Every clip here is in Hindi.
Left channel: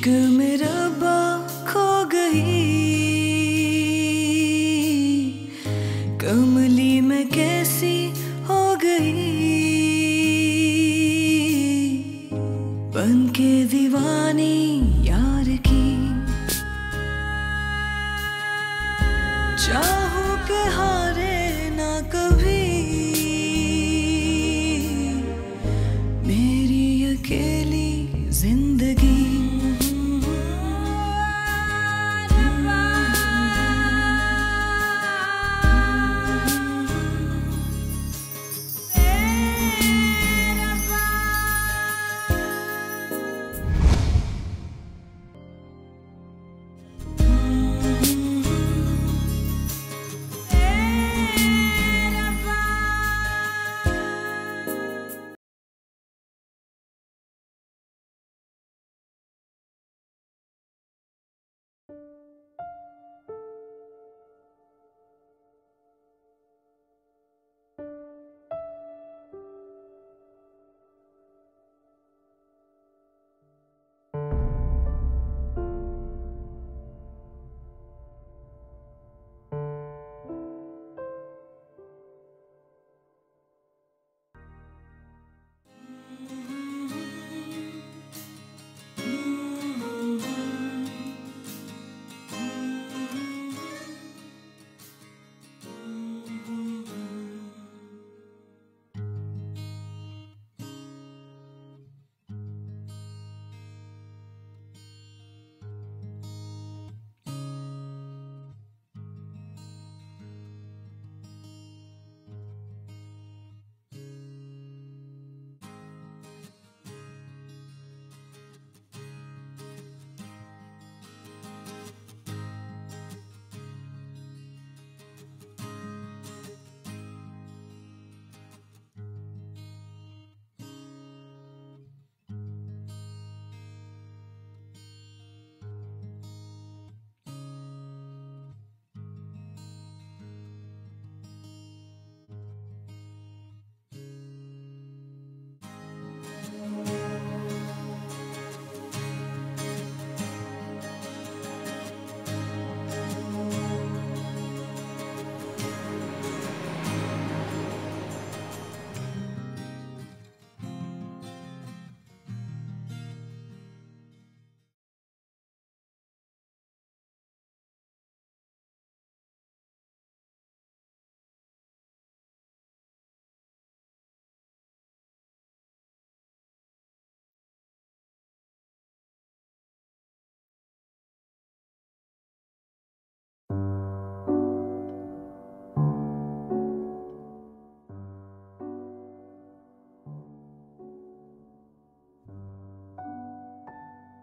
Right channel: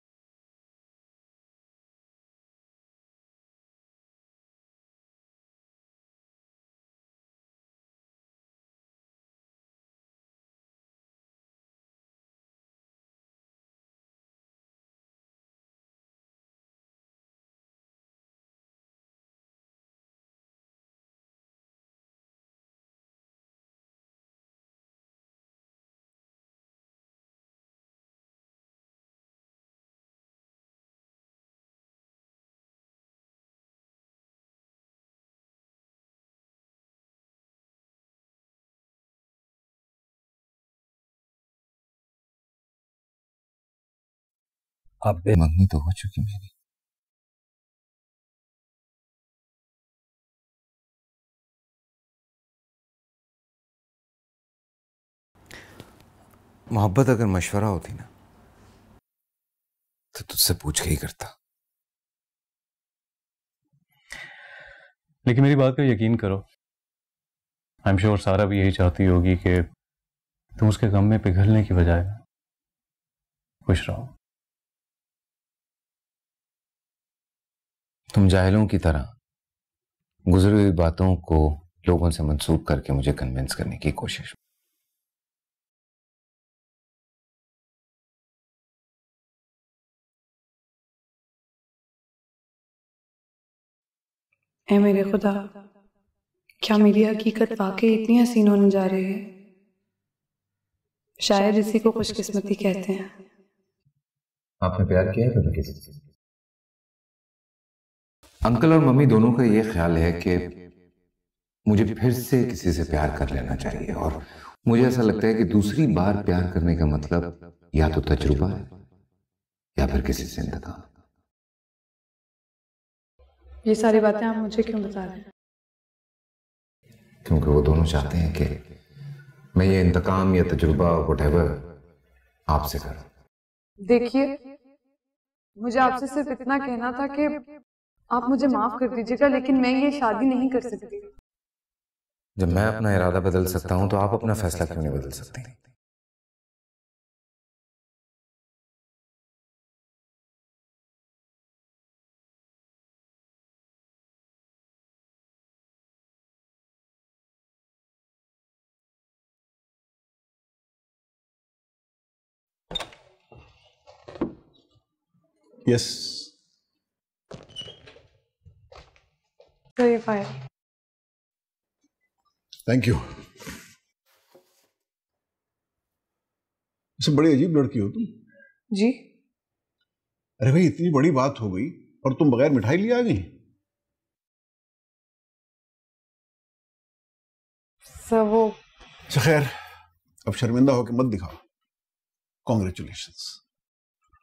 इश्क में रब्बा खो गई, कमली में कैसी हो गई, बन के दीवानी यार की। चाहूं के हारे ना कभी मेरी अकेली जिंदगी। अब बेमंगनी तो हो चुकी मेरी। मोहब्बत अगर मशवरा होती ना तो तुझसे पूछ के ही करता। लेकिन मेरी बात पे यकीन करो, आई एम श्योर सारा भी यही चाहती होगी कि तुम उसके गम में पिघलने की बजाय खुश रहो। तुम जाहिलों की तरह गुजरी हुई बातों को लोगों से मंसूब करके मुझे कन्विंस करने की कोशिश। ऐ मेरे खुदा, क्या मेरी हकीकत वाकई इतनी हसीन होने जा रही है? शायद इसी को खुशकिस्मती कहते हैं। आपने प्यार किया है कभी किसी से? अंकल और मम्मी दोनों का ये ख्याल है कि मुझे फिर से किसी से प्यार कर लेना चाहिए, और मुझे ऐसा लगता है कि दूसरी बार प्यार करने का मतलब या तो तजुर्बा है या फिर किसी से इंतकाम। ये सारी बातें आप मुझे क्यों बता रहे हैं? क्योंकि वो दोनों चाहते हैं कि मैं ये इंतकाम या तजुर्बा व्हाटएवर आपसे करूं। देखिए, मुझे आपसे सिर्फ इतना कहना था कि आप मुझे माफ कर दीजिएगा, लेकिन मैं ये शादी नहीं कर सकती। जब मैं अपना इरादा बदल सकता हूं तो आप अपना फैसला क्यों नहीं बदल सकती? यस सही फाइल। Thank you. वैसे बड़ी अजीब लड़की हो तुम। जी? अरे भाई, इतनी बड़ी बात हो गई और तुम बगैर मिठाई लिए आ गई। सर वो अच्छा खैर, अब शर्मिंदा होकर मत दिखाओ। Congratulations.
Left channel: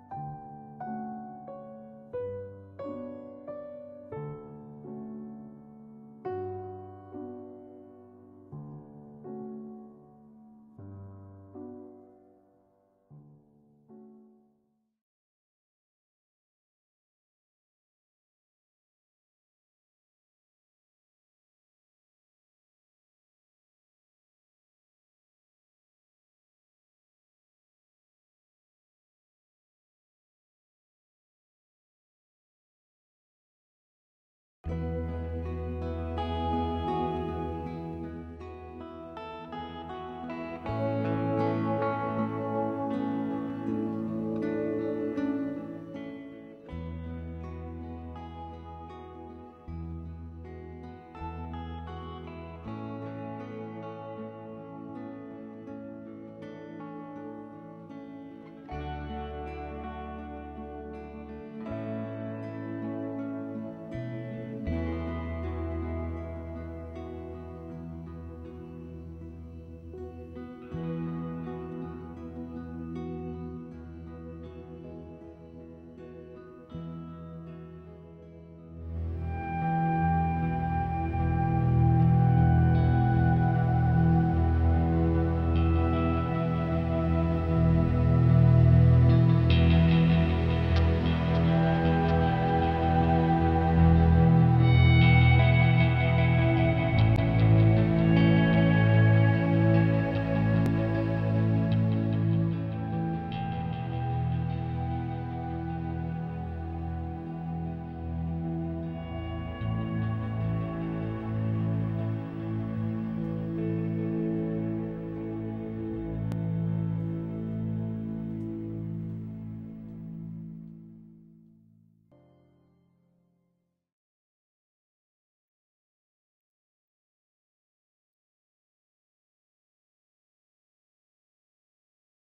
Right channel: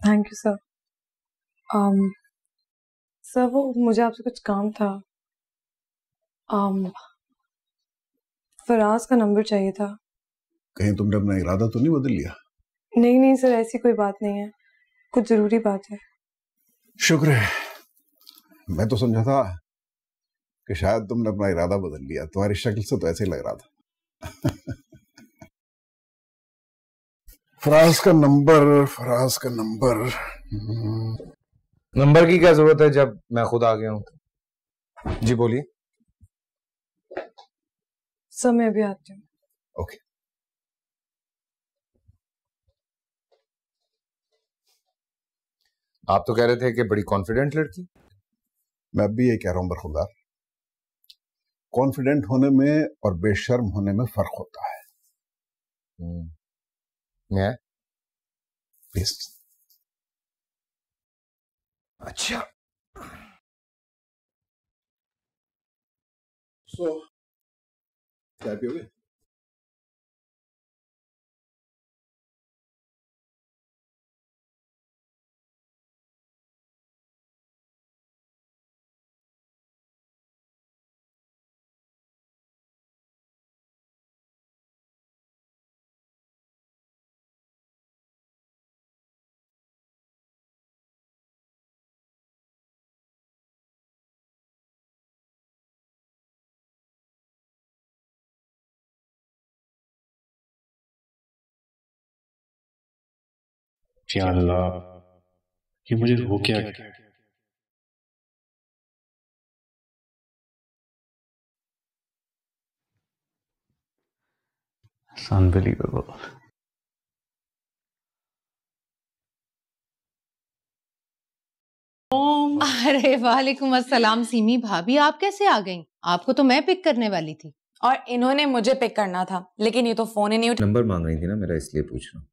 Thank you sir. Sir वो मुझे आपसे कुछ काम था। फराज का नंबर चाहिए था। कहीं तुमने अपना इरादा तो नहीं बदल लिया? नहीं नहीं सर, ऐसी कोई बात नहीं है, कुछ जरूरी बात है। शुक्र है। मैं तो समझा था कि शायद तुमने अपना इरादा बदल लिया, तुम्हारी शक्ल से तो ऐसे ही लग रहा था। फराज का नंबर, फराज का नंबर। नंबर की क्या जरूरत है जब मैं खुद आ गया हूं? जी बोलिए। सर मैं अभी आती हूँ। ओके। आप तो कह रहे थे कि बड़ी कॉन्फिडेंट लड़की। मैं अब भी ये कह रहा हूं बरखुरदार, कॉन्फिडेंट होने में और बेशर्म होने में फर्क होता है। मैं प्लीज। अच्छा, चाय पियोगे? या अल्लाह, कि मुझे हो क्या गया। It's unbelievable. अरे वालेकुम अस्सलाम सीमी भाभी, आप कैसे आ गईं? आपको तो मैं पिक करने वाली थी। और इन्होंने मुझे पिक करना था, लेकिन ये तो फोन ही नहीं उठा। नंबर मांग रही थी ना मेरा, इसलिए पूछ रहा हूँ।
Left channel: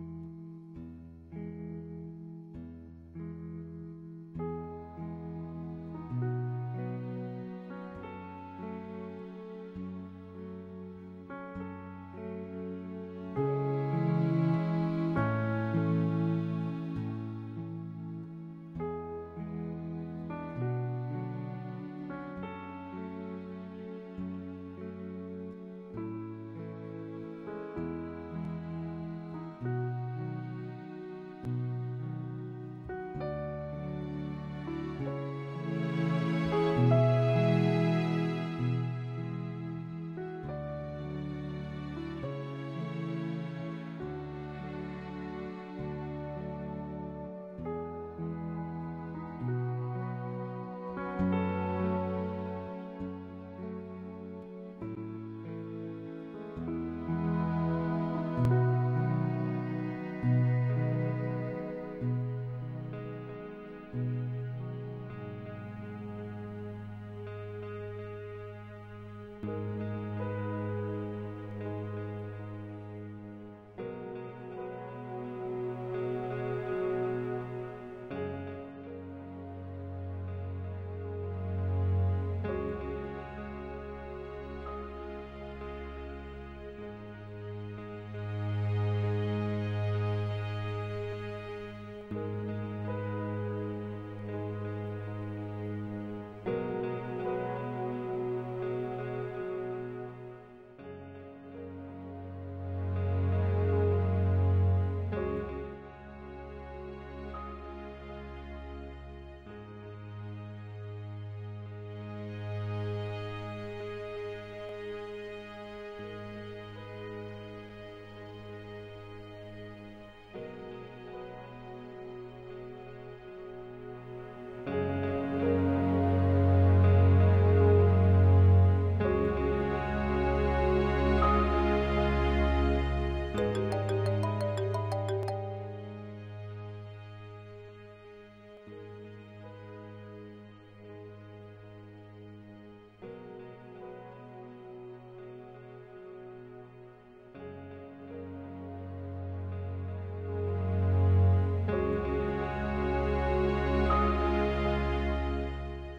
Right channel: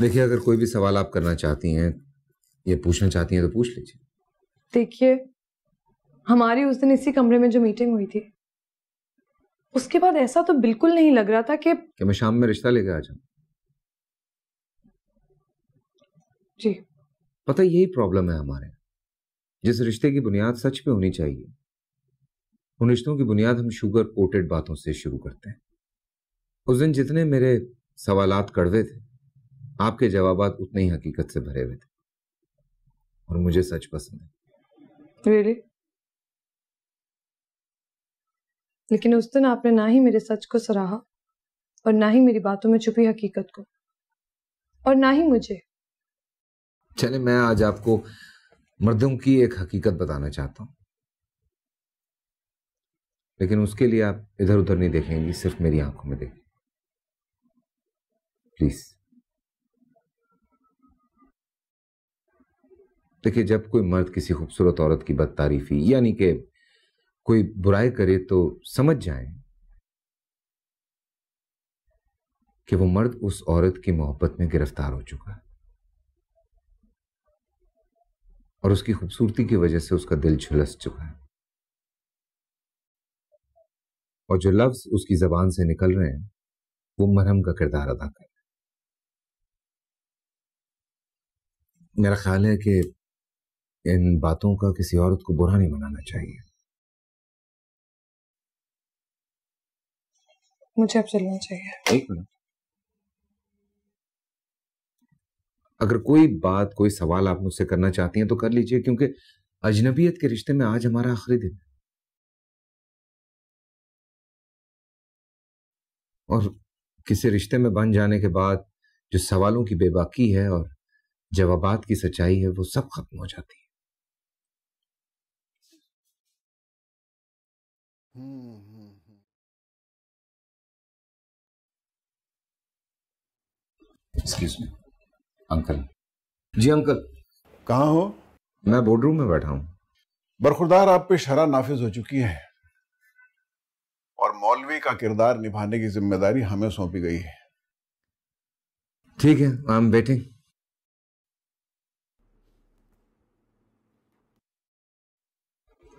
देखिए, अगर कोई भी सवाल आप करना चाहती हैं, ये पूछना चाहती हैं तो पूछ लीजिए। देखिए, हमारी उस दिन इसी कमरे में जो मीटिंग हुई थी, उसके बाद ऐसा तो बिल्कुल नहीं लग रहा था कि मैं शाम में रिश्ता लेके आ जाऊं। जी पता है, यही प्रॉब्लम है हमारे। जिस रिश्ते की बुनियाद सच पे होनी चाहिए, उन रिश्तों की बुनियाद हम शुगर कोटेड बातों से शुरू करते हैं। उस दिन जितने मेरे सवालात कड़वे थे, आपके जवाबात उतने ही हकीकत से भरे हुए थे। और मुझे सच पसंद। really? लेकिन उस दिन आपने ना ही मेरे सच को सराहा और ना ही मेरी बातों में छुपी हकीकत को, और ना ही मुझे। चले, मैं आज आपको मर्दों की एक हकीकत बताना चाहता हूं, लेकिन उसके लिए आप इधर उधर नहीं देखेंगी, सिर्फ मेरी आंखों में देखें प्लीज। देखिए, जब कोई मर्द किसी खूबसूरत औरत की बदतारीफी यानी कि कोई बुराई करे तो समझ जाए कि वो मर्द उस औरत की मोहब्बत में गिरफ्तार हो चुका है और उसकी खूबसूरती की वजह से उसका दिल झुलस चुका है, और जो लफ्ज उसकी जबान से निकल रहे हैं वो मरहम का किरदार अदा कर। मेरा ख्याल है कि इन बातों का किसी औरत को बुरा नहीं मनाना चाहिए। मुझे अब चलना चाहिए। एक मिनट, अगर कोई बात, कोई सवाल आप मुझसे करना चाहती हैं तो कर लीजिए, क्योंकि अजनबियत के रिश्ते में आज हमारा आखिरी दिन, और किसी रिश्ते में बन जाने के बाद जो सवालों की बेबाकी है और जवाबात की सच्चाई है, वो सब खत्म हो जाती है। Excuse me uncle. जी अंकल। कहाँ हो? मैं बोर्डरूम में बैठा हूं। बरखुरदार आप पे शरह नाफिज हो चुकी है और मौलवी का किरदार निभाने की जिम्मेदारी हमें सौंपी गई है। ठीक है, आई एम वेटिंग।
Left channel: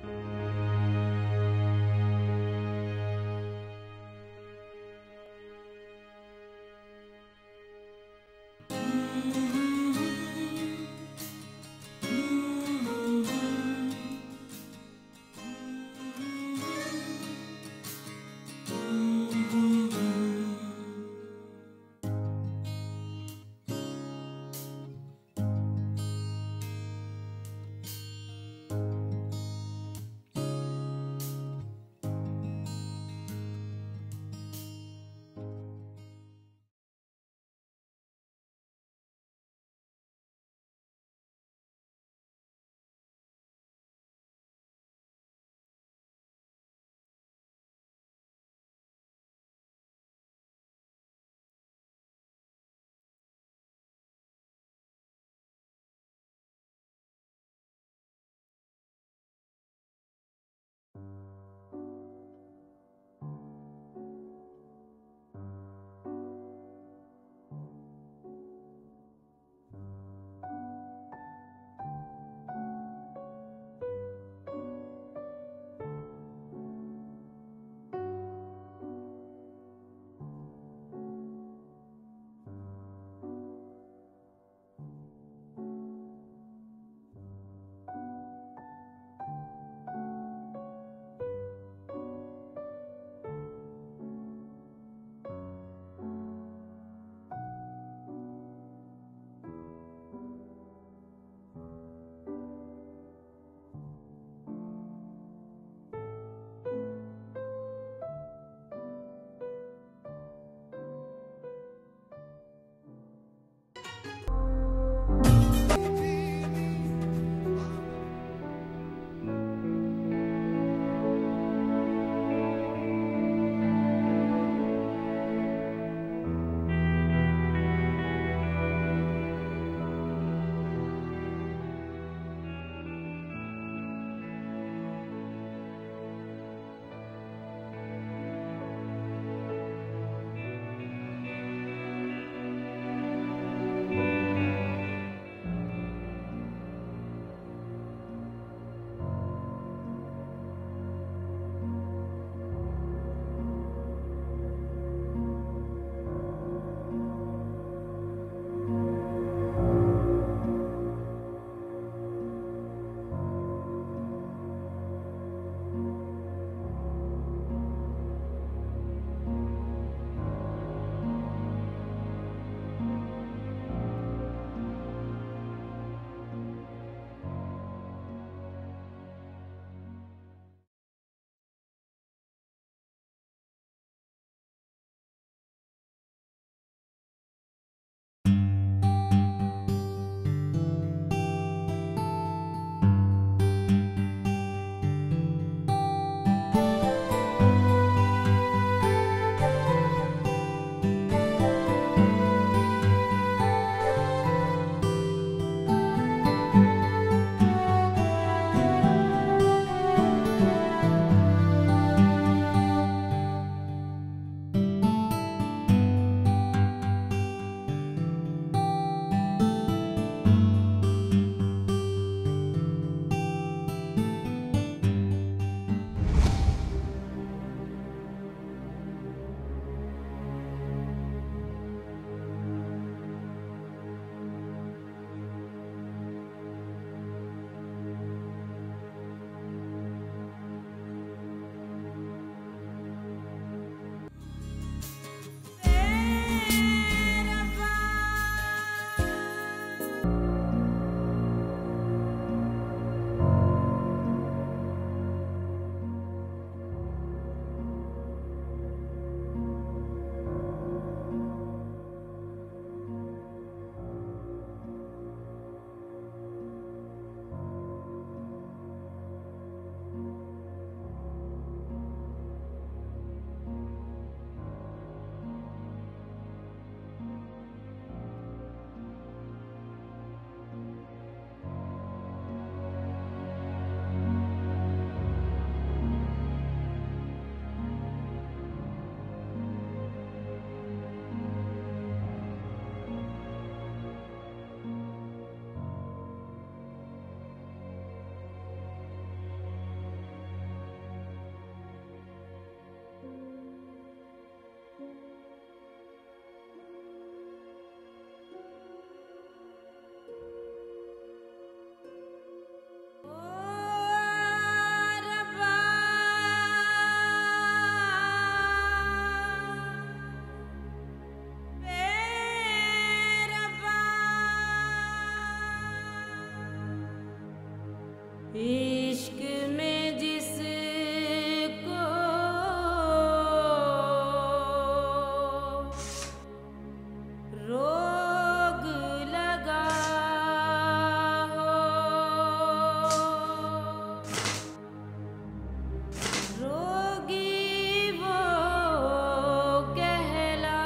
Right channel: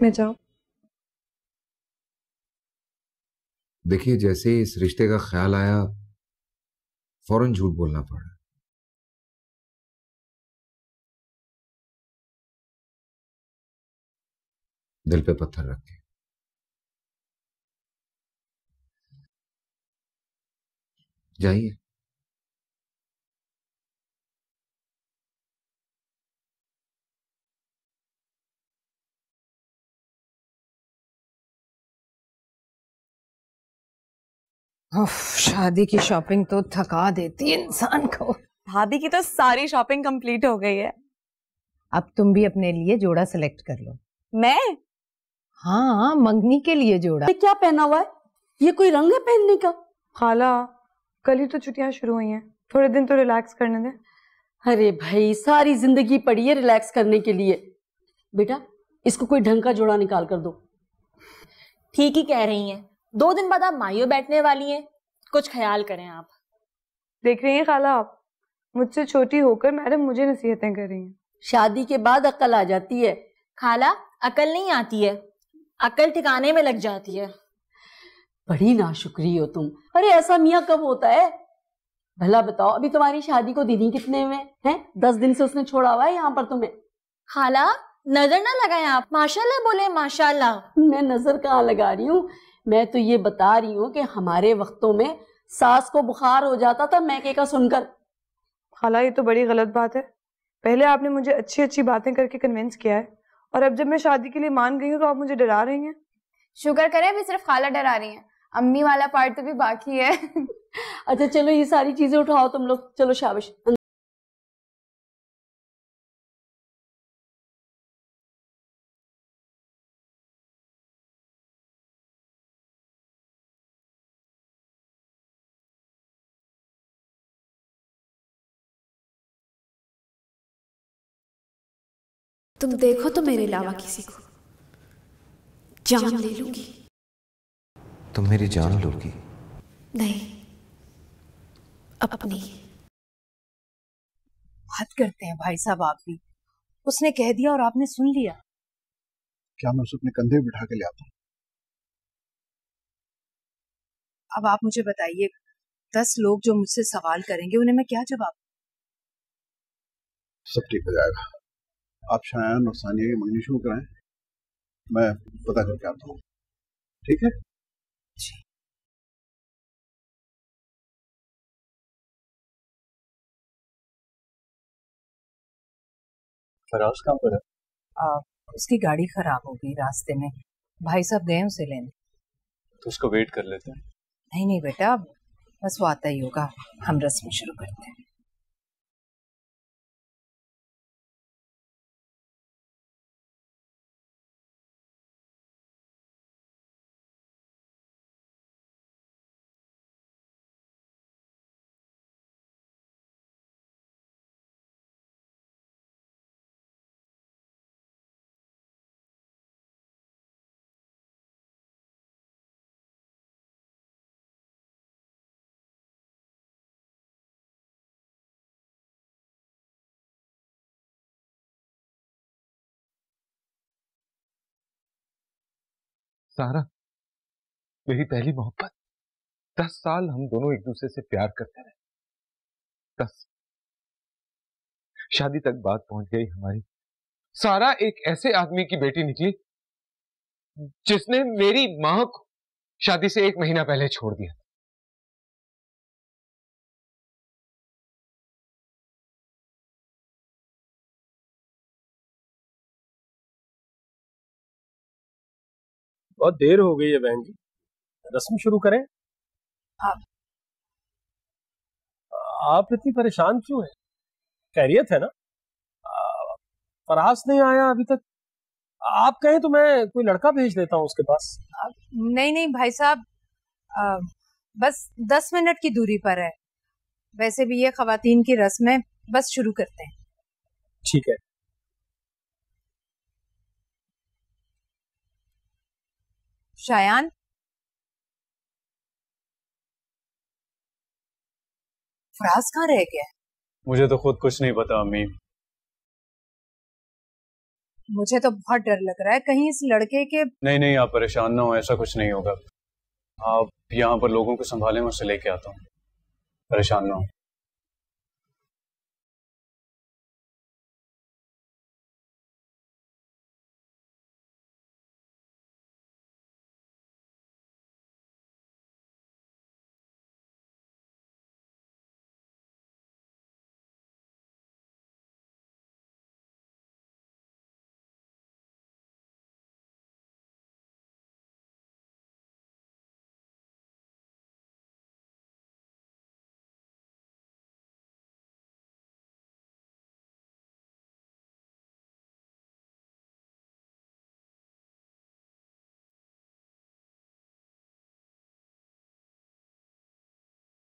मैं जाऊं? देखिए, जैसे ही इस रिश्ते का ख्याल आया, फौरन झूठ बोलना पड़ा। दिल पे पत्थर रख के। जाइए। शादी की शॉपिंग तो थका देती है इंसान को। भाभी की तो सारी शॉपिंग कंप्लीट हो गई है। अब तुम भी अपने लिए जोड़ा सेलेक्ट कर लो। मैं? हाँ, मंगनी के लिए जोड़ा। ये क्या पहना हुआ है? ये कोई रंग है पहनने का? खाला, कल ही तो छुट्टियां शुरू हुई हैं, थोड़े दिन तो रिलैक्स करने दें। अरे भाई, सारी जिंदगी पड़ी है रिलैक्स करने के लिए। बेटा, इसको कोई ढंग का जोड़ा निकाल कर दो। ठीक ही कह रही हैं, 2 दिन बाद आप माइयो बैठने वाली हैं, कुछ ख्याल करें आप। देख रही हैं खाला, आप मुझसे छोटी होकर मैडम मुझे नसीहतें कर रही हैं। शादी के बाद अक्ल आ जाती है। खाला, अकल नहीं आती है, अकल ठिकाने में लग जाती है। बड़ी नाशुक्री हो तुम। अरे ऐसा मियाँ कब होता है? भला बताओ, अभी तुम्हारी शादी को दीदी कितने में हैं? 10 दिन से उसने छोड़ा हुआ है यहाँ पर तुम्हें। खाला, नजर ना लगाएं आप, माशाल्लाह बोले माशाल्लाह। मैं नजर कहाँ लगा रही हूँ, मैं तो ये बता रही हूँ कि हमारे वक्तों में सास को बुखार हो जाता था मैके का सुनकर। खाला, ये तो बड़ी गलत बात है। पहले आपने मुझे अच्छी अच्छी बातें करके कन्विंस किया है, और अब जब मैं शादी के लिए मान गई हूँ तो आप मुझे डरा रही हैं। शुक्र करें अभी सिर्फ खाला डरा रही हैं, अम्मी वाला पार्ट तो भी बाकी है। अच्छा चलो, ये सारी चीजें उठाओ तुम लोग, चलो शाबाश। तुम देखो तो मेरे अलावा किसी को जान ले लूंगी। तुम मेरी जान लोगी? नहीं, अपनी। हद करते हैं भाई साहब आप भी। उसने कह दिया और आपने सुन लिया। क्या मैं उसे अपने कंधे पे बिठा के ले आता? अब आप मुझे बताइए, 10 लोग जो मुझसे सवाल करेंगे उन्हें मैं क्या जवाब दूं? सब ठीक हो जाएगा। आप शायान और सानिया की मंगनी शुरू कराएं, मैं पता करके आता हूँ। ठीक है जी। फराज कहाँ पर है? उसकी गाड़ी खराब हो गई रास्ते में, भाई साहब गए उसे लेने। तो उसको वेट कर लेते हैं। नहीं नहीं बेटा, बस वो आता ही होगा, हम रस्म शुरू करते हैं। सारा, मेरी पहली मोहब्बत। 10 साल हम दोनों एक दूसरे से प्यार करते हैं। 10 शादी तक बात पहुंच गई हमारी। सारा एक ऐसे आदमी की बेटी निकली जिसने मेरी मां को शादी से 1 महीना पहले छोड़ दिया। बहुत देर हो गई है बहन जी, रस्म शुरू करें? आप इतनी परेशान क्यों हैं? खैरियत है ना? फराज नहीं आया अभी तक। आप कहें तो मैं कोई लड़का भेज देता हूँ उसके पास। नहीं नहीं भाई साहब, बस 10 मिनट की दूरी पर है। वैसे भी ये खवातीन की रस्म है, बस शुरू करते हैं। ठीक है। शायान, फराज कहाँ रह गया? मुझे तो खुद कुछ नहीं पता अम्मी। मुझे तो बहुत डर लग रहा है, कहीं इस लड़के के। नहीं नहीं, आप परेशान ना हो, ऐसा कुछ नहीं होगा। आप यहाँ पर लोगों को संभालें, मैं उसे लेके आता हूँ। परेशान ना हो। इश्क में जिसको रोग लगा हो, रोगी वो कहलाए।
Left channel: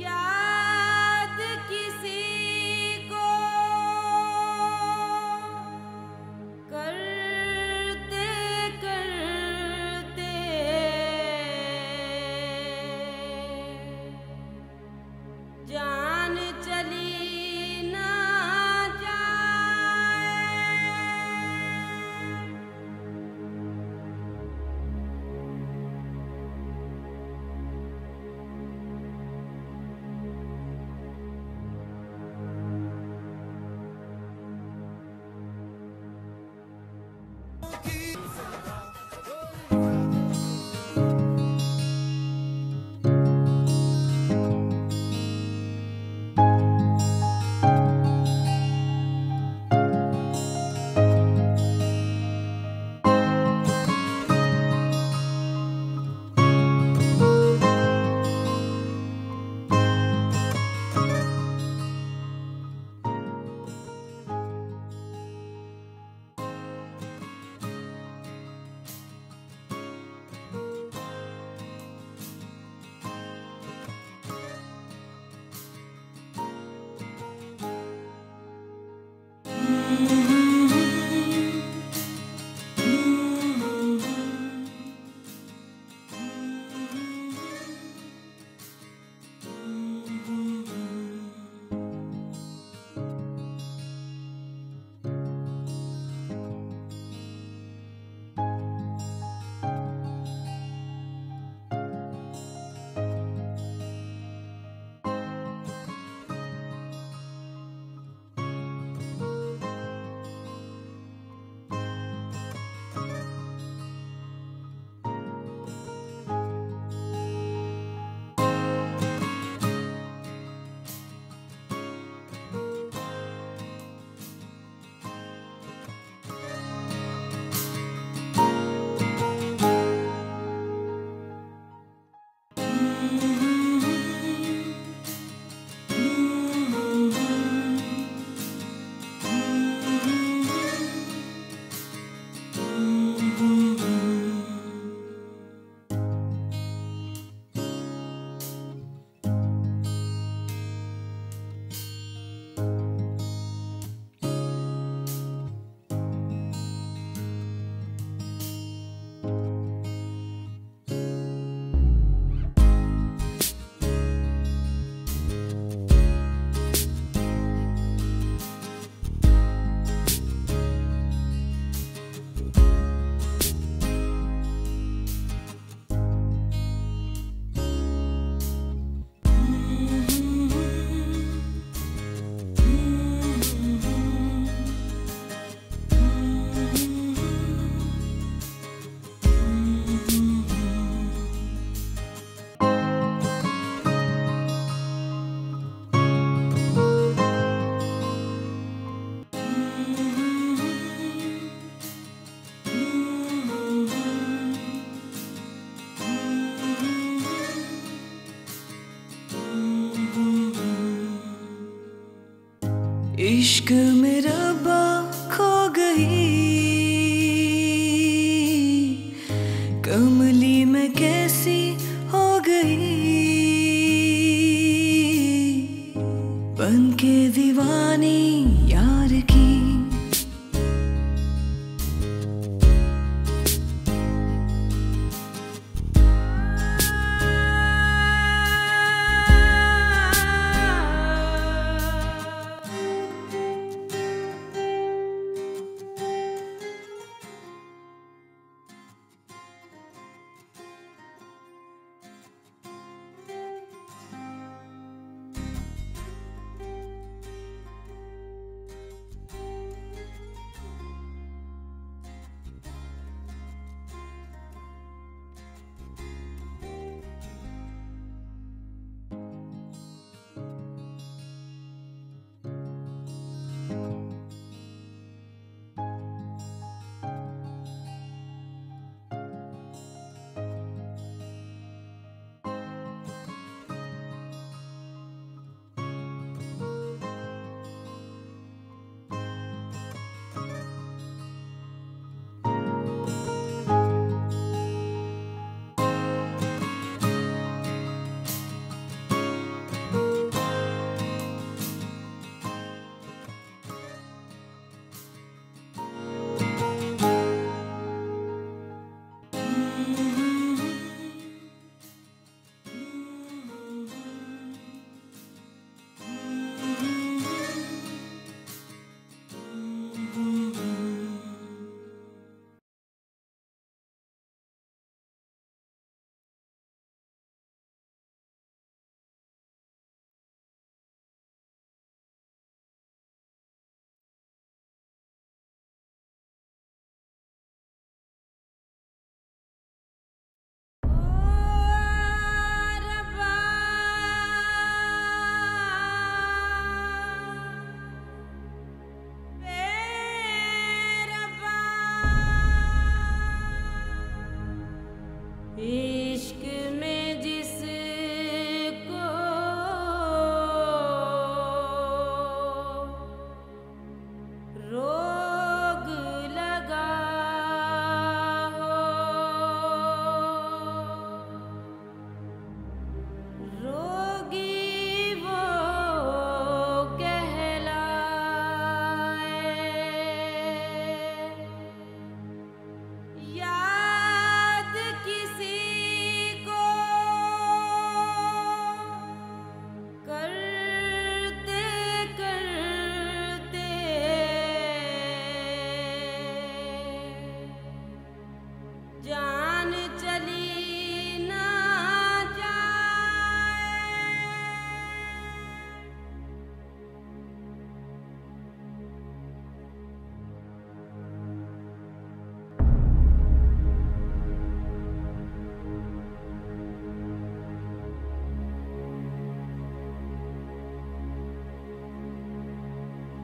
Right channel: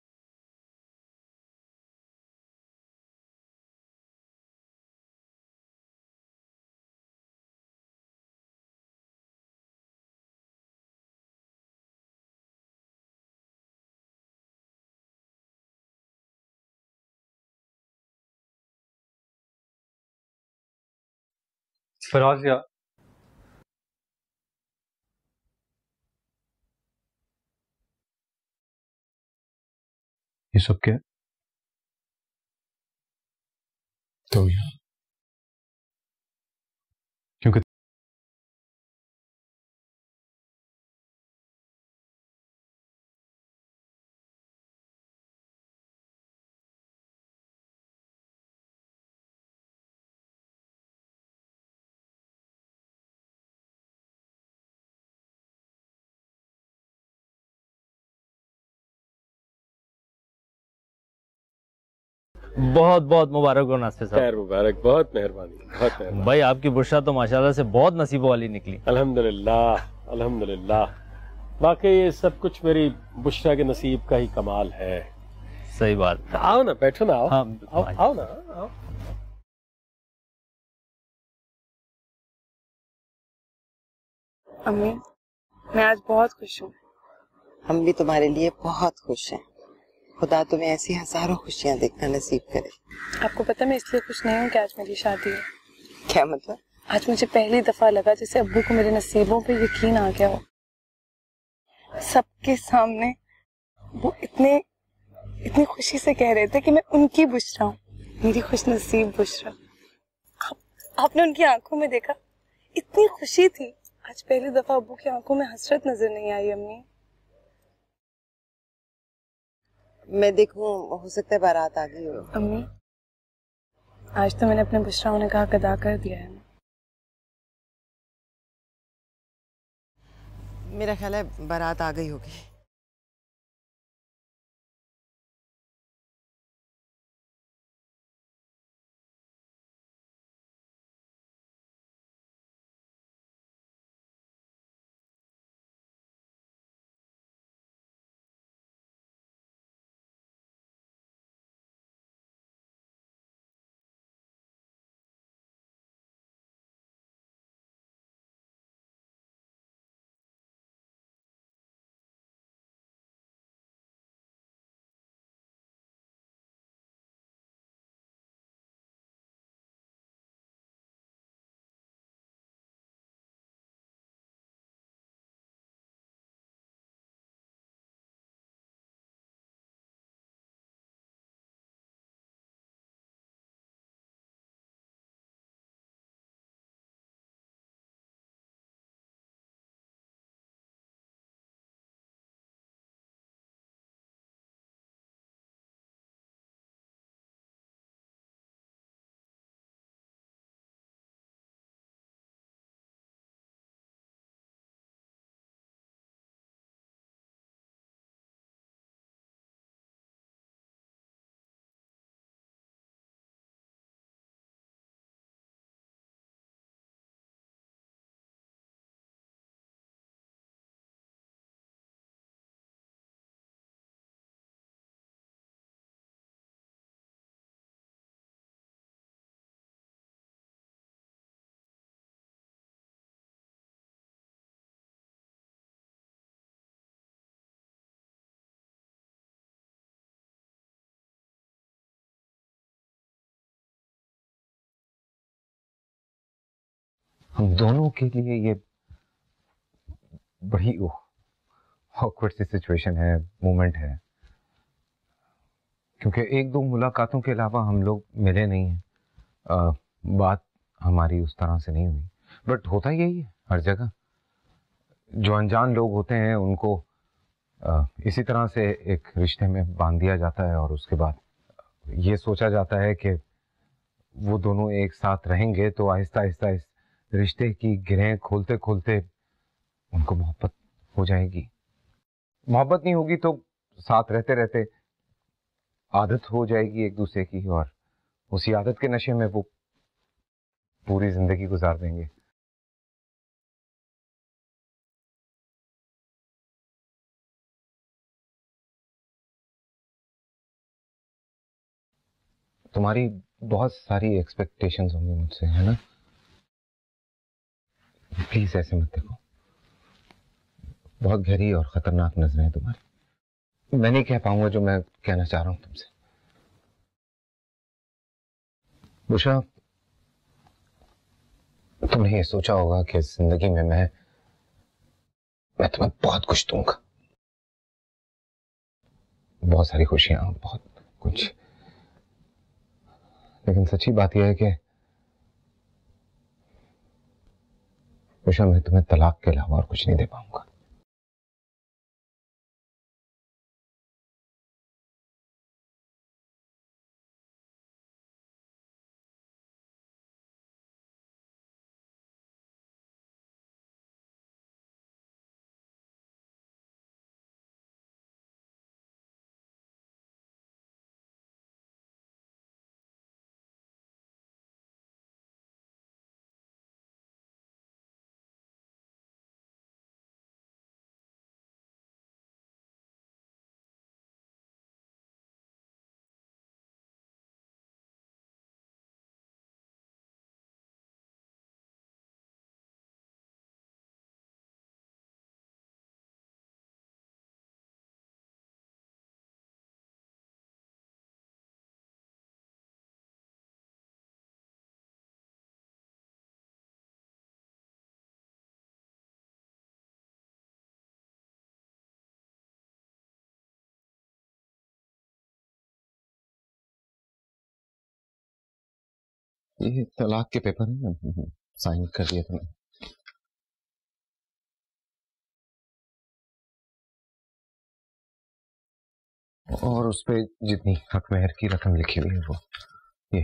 याद किसी को करते करते जान चली ना जाए। फराज या ये सब क्या? तो क्योंकि बहुत बहुत मुबारक हो नास्ते साहब। खैर मुबारक, बहुत मेहरबानी, बहुत मेहरबानी। भाई आपकी बुशरा तो माशाल्लाह से बहुत नसीबों वाली निकली। अल्हम्दुलिल्लाह अल्हम्दुलिल्लाह। वाकई ये सब कुछ मेरी बुशरा के नसीब का ही कमाल है। सही बात। आओ ना, बैठो ना, आओ। हाँ, आओ ना, आओ। अम्मी, मैं आज बहुत खुश हूँ। हम भी तुम्हारे लिए बहुत खुश हैं। खुदा तुम्हें ऐसी हजारों खुशियां देखना नसीब करे। आपको पता मैं इसलिए खुश नहीं हूँ कि आज मेरी शादी है। क्या मतलब? आज मुझे पहली दफा लगा जैसे अब्बू को मेरे नसीबों पे यकीन आ गया हो। सबके सामने वो इतनी खुशी से कह रहे थे कि मैं उनकी बुशरा हूँ, मेरी खुश नसीब बुशरा। आपने उनकी आंखों में देखा, इतनी खुशी थी। आज पहली दफा अब्बू की आंखों में हसरत नजर नहीं आई। अम्मी, मैं देखूं, हो सकता है बारात आ गई हो। अम्मी, आज तो मैंने अपने बुशरा होने का हक अदा कर दिया है। मेरा ख्याल है बारात आ गई होगी। इश्क में रब्बा खो गई, कमली में कैसी हो गई, बन के दीवानी यार की। हम दोनों के लिए ये बड़ी ऑकवर्ड सी सिचुएशन है, मोमेंट है, क्योंकि एक दो मुलाकातों के अलावा हम लोग मिले नहीं। बात हमारी उस तरह से नहीं हुई, बट होता यही है हर जगह। जो अनजान लोग होते हैं उनको इसी तरह से एक रिश्ते में बांध दिया जाता है और उसके बाद ये सोचा जाता है कि वो दोनों एक साथ रहेंगे तो आहिस्ता आहिस्ता रिश्ते की गिरें खोलते खोलते उनको मोहब्बत हो जाएगी। मोहब्बत नहीं होगी तो साथ रहते रहते आदत हो जाएगी एक दूसरे की, और उसी आदत के नशे में वो पूरी जिंदगी गुजार देंगे। तुम्हारी बहुत सारी एक्सपेक्टेशंस होंगी मुझसे, है ना? प्लीज ऐसे मत देखो, बहुत गहरी और खतरनाक नजरें हैं तुम्हारी। मैं नहीं कह पाऊंगा जो मैं कहना चाह रहा हूं तुमसे। बुशरा, तुमने ये सोचा होगा कि जिंदगी में मैं तुम्हें बहुत कुछ दूंगा, बहुत सारी खुशियां, बहुत कुछ, लेकिन सच्ची बात यह है कि बुशरा, मैं तुम्हें तलाक के अलावा और कुछ नहीं दे पाऊंगा। इश्क में जिसको रोग लगा हो, ये तलाक के पेपर में साइन कर दिया तुमने। और उस पे जितनी हक मेहर की रकम लिखी हुई है वो ये।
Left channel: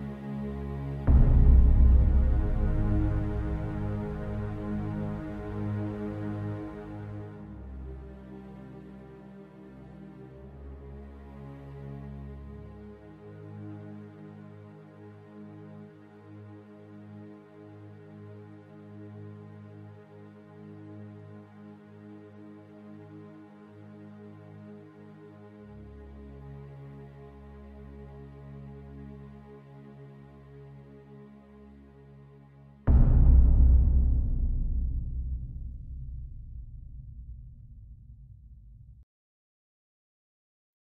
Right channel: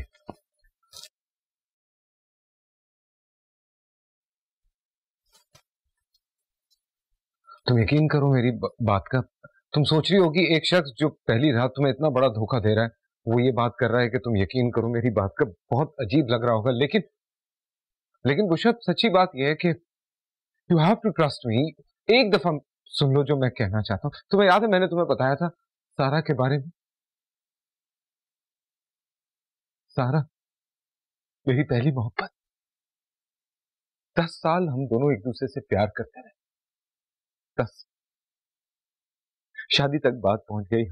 तुम यकीन करो मेरी बात का, तुम सोच रही होगी एक शख्स जो पहली रात तुम्हें इतना बड़ा धोखा दे रहा है वो ये बात कर रहा है कि तुम यकीन करो मेरी बात का, बहुत अजीब लग रहा होगा, लेकिन बुशरा सच्ची बात यह है कि you have to trust me. एक दफा सुन लो जो मैं कहना चाहता हूँ। तुम्हें याद है मैंने तुम्हें बताया था सारा के बारे में? सारा मेरी पहली मोहब्बत। 10 साल हम दोनों एक दूसरे से प्यार करते रहे, 10। शादी तक बात पहुंच गई,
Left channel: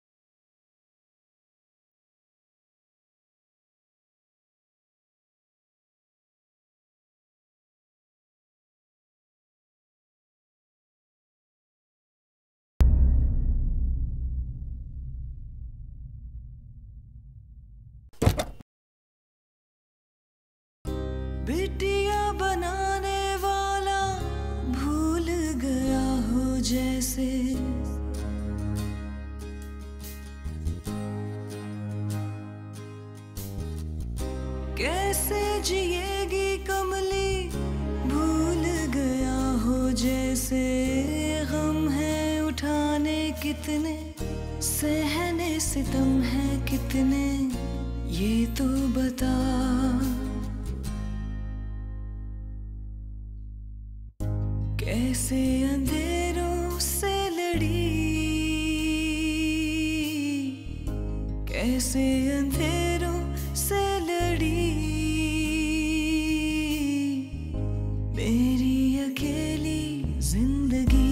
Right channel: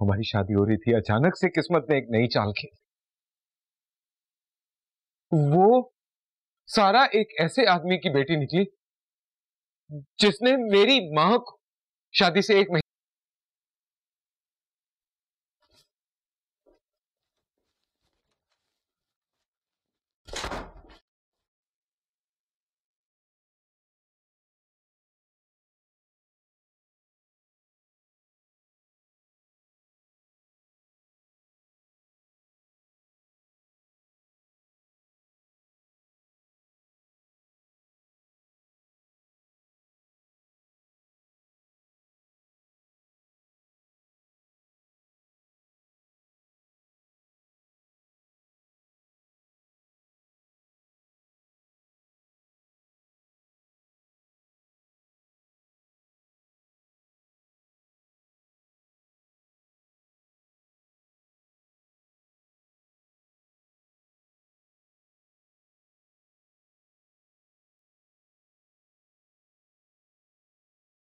हमारी शादी हो रही थी। अचानक से किस्मत ने एक नई चाल खेली। वो सारा एक ऐसे आदमी की बेटी निकली जिसने मेरी मां को शादी से 1 महीने बिटिया बनाने वाला भूल गया हो जैसे, कैसे जिएगी कमली भूल गया हो जैसे, गम है उठाने कितने, सहने सितम है कितने, ये तो बता। कैसे अंधेरों से लड़ी, कैसे अंधेरों से लड़ी, मेरी अकेली जिंदगी।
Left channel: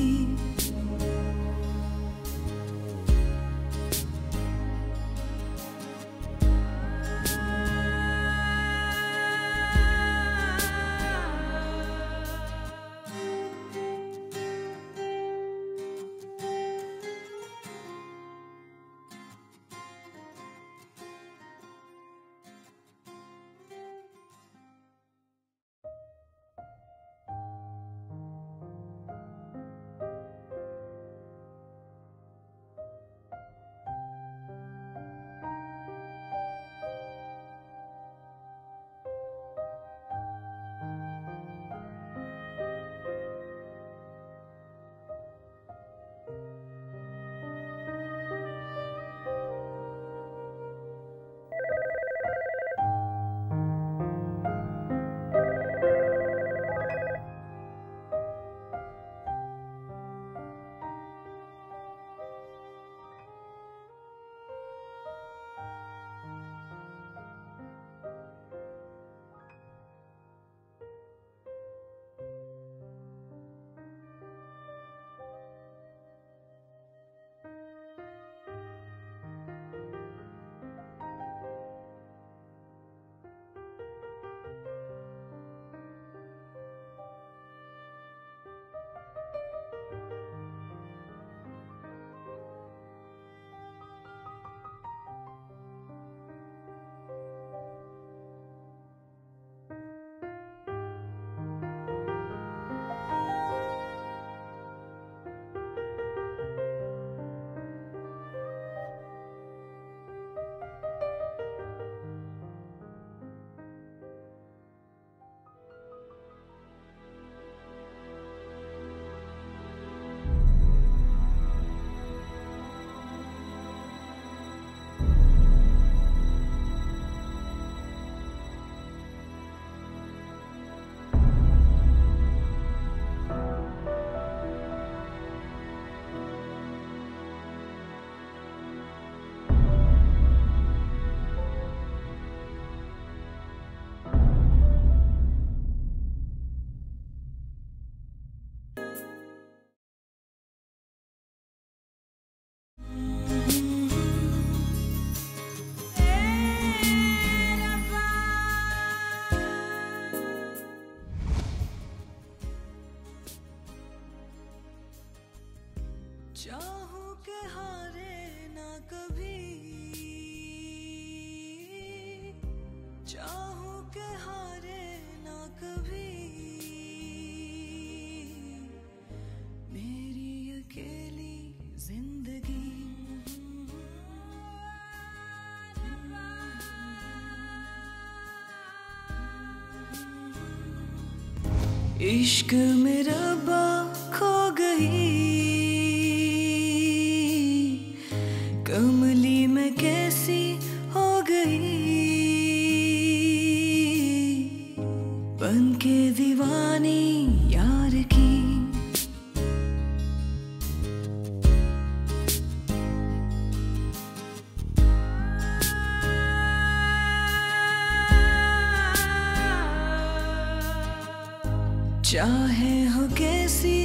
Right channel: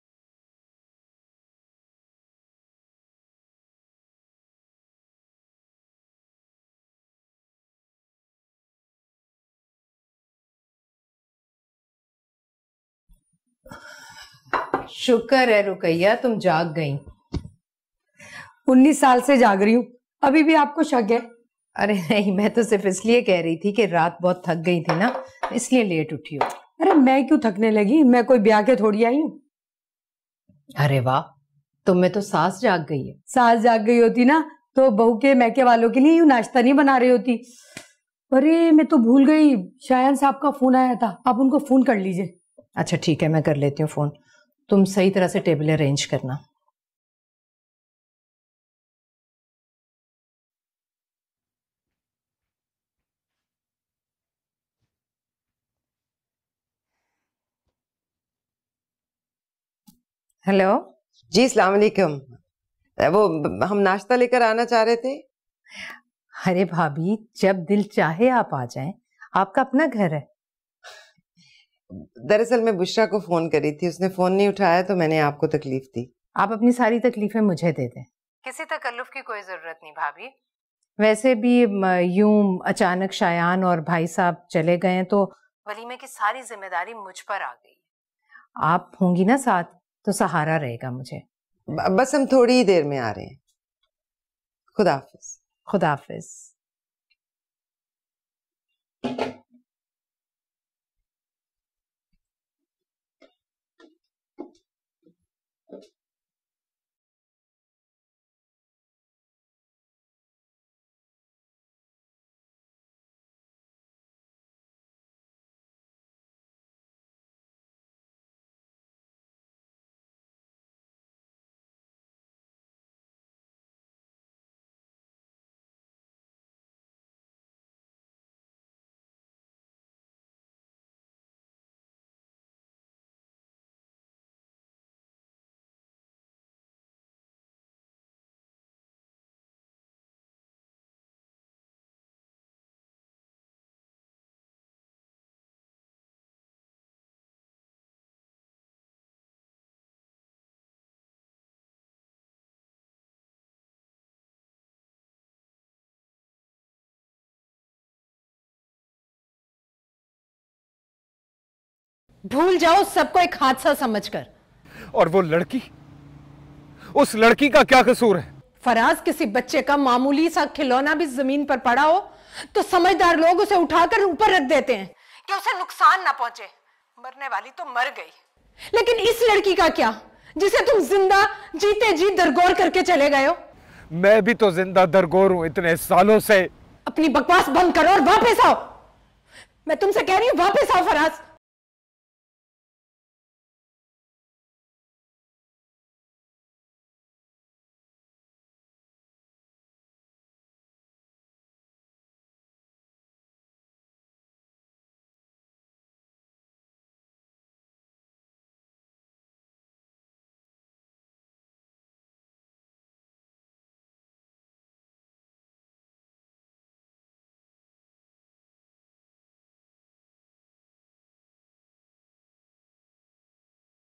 शुक्र है रुकैया तुम जाग गई। 19 साल से जाग रही हूँ, अभी भी आपको शक है? अरे नहीं, मैं तो सिर्फ इसलिए कह रही थी कि रात बहुत थक गई थी ना, इसलिए लेट उठी हूँ। अरे मैं क्यों थकने लगी, मैं कोई ब्याह के थोड़ी आई हूँ। अरे वाह, तुम में तो सास जाग गई है। सास जाग गई होती ना तो बहू के मैके वालों के लिए यूँ नाश्ता नहीं बना रही होती। अरे मैं तो भूल गई, शायन साहब का फोन आया था, आप उनको फोन कर लीजिए। अच्छा ठीक है, मैं कर लेती हूँ फोन। तुम सही तरह से टेबल अरेंज करना। हेलो जी, अस्सलाम वालेकुम। वो हम नाश्ता लेकर आना चाह रहे थे। अरे भाभी, जब दिल चाहे आप आ जाएं, आपका अपना घर है। दरअसल मैं बुशरा को फोन करी थी, उसने फोन नहीं उठाया तो मैंने आपको तकलीफ दी। आप अपनी सारी तकलीफें मुझे दे दें, किसी तकल्लुफ की कोई जरूरत नहीं भाभी। वैसे भी यूं अचानक शायान और भाई साहब चले गए तो वलीमे की सारी जिम्मेदारी मुझ पर आ गई। आप होंगी ना साथ तो सहारा रहेगा मुझे। बस हम थोड़ी ही देर में आ रहे हैं। खुदा हाफिज। खुदा हाफिज। भूल जाओ सबको एक हादसा समझकर। और वो लड़की, उस लड़की का क्या कसूर है? फराज किसी बच्चे का मामूली सा खिलौना भी जमीन पर पड़ा हो तो समझदार लोग उसे उठाकर ऊपर रख देते हैं कि उसे नुकसान ना पहुंचे। मरने वाली तो मर गई, लेकिन इस लड़की का क्या जिसे तुम जिंदा जीते जी दरगोर करके चले गए हो? मैं भी तो जिंदा दरगोर हूं इतने सालों से। अपनी बकवास बंद करो और वापस आओ। मैं तुमसे कह रही हूँ वापस आओ फराज। इश्क में रब्बा खो गई, कमली में कैसी हो गई, बन के दीवानी यार की। चाहे हो कैसी